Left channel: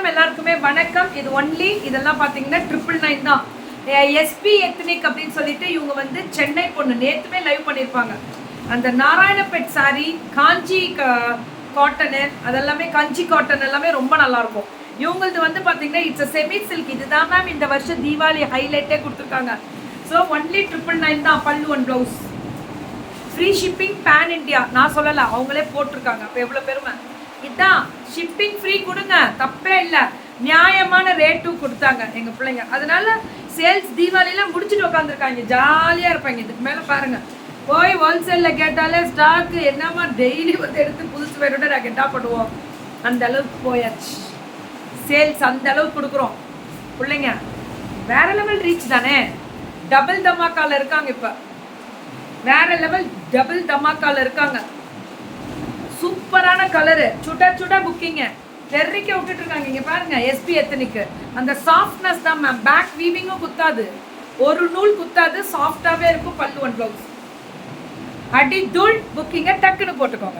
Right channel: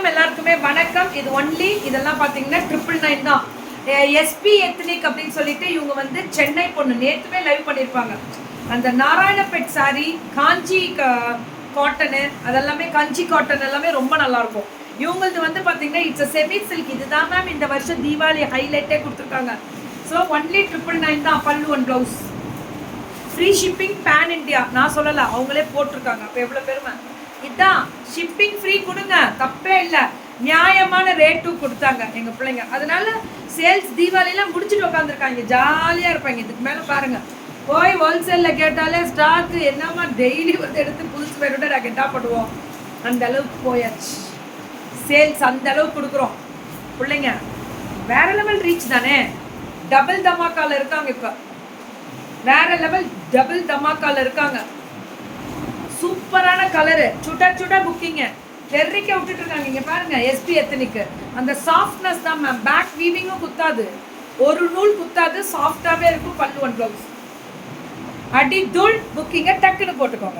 வணக்கம் எல்லாருக்குமே வணக்கம். இது ஒன்லி இதெல்லாம் பார்த்தீங்கன்னா 999 தான். எஸ்பி எத்னிக் அப்படின்னு சொல்லிட்டு இவங்க வந்து சென்னை பொண்ணு நேற்றுமே லைவ் பண்ணியிருப்பாங்க. அந்த நாராயணபேட் சாரி காஞ்சி காட்டனு அதெல்லாமே காஞ்சி காட்டன் எல்லாமே ரொம்ப நல்லாயிருக்கும். இவங்களது வந்து பார்த்தீங்கன்னா இட்ஸ் செமி சில்க். இதுதான் மேம் இந்த வருஷம் தீபாவளி ஹைலைட்டே கொடுத்துருக்காங்க. ஸோ ஒன்லி 999 தான். பல்லு one blouse free shipping pan India. நான் சொல்லலை, அவங்களே போட்டிருக்காங்க. அப்போ எவ்வளோ பெருமை. இதுதான் ஷிப்பிங் ஃப்ரீ கொடுங்க, தப்பே இல்லை. நியாயமான ரேட்டும் கொடுத்தாங்க எங்கள் பிள்ளைங்க. அதனால சேல்ஸ் தீபாவளிலாம் முடிச்சுட்டு உட்காந்துருக்காங்க, ஜாலியாக இருப்பாங்க. இதுக்கு மேலே பாருங்கள், போய் ஹோல்சேலில் கேட்டாலே ஸ்டாக்கு என்னம்மா டெய்லி வந்து எடுத்து புதுசு பேரோட நாங்கள் என்ன பண்ணுவோம். அந்த அளவுக்கு போயாச்சு சேல்ஸ், அந்த அளவுக்கு கொடுக்குறோம். பிள்ளைங்க வேற லெவல் ரீச் தானே. டபுள் தமாக்கால இருக்காங்க. இப்போ வேற லெவல் டபுள் தமாக்கால இருக்காங்க. சூப்பரான கலரு, சுட சுட புக்கிங்க தெரிக்க விட்டுட்டு இருக்காங்க. இங்க பாருங்க, எஸ்பி எத்தனிக்கு அந்த சாஃப்ட்னஸ் தான் மேம். பேக் வீவிங்கும் குத்தாது, ஒரு நூல் குத்தாது, சாஃப்டாவே இருக்கும். பல்லு ஒன் ப்ளவுஸ் அடி தூள். புக்கிங்க டக்குன்னு போட்டுக்கோங்க.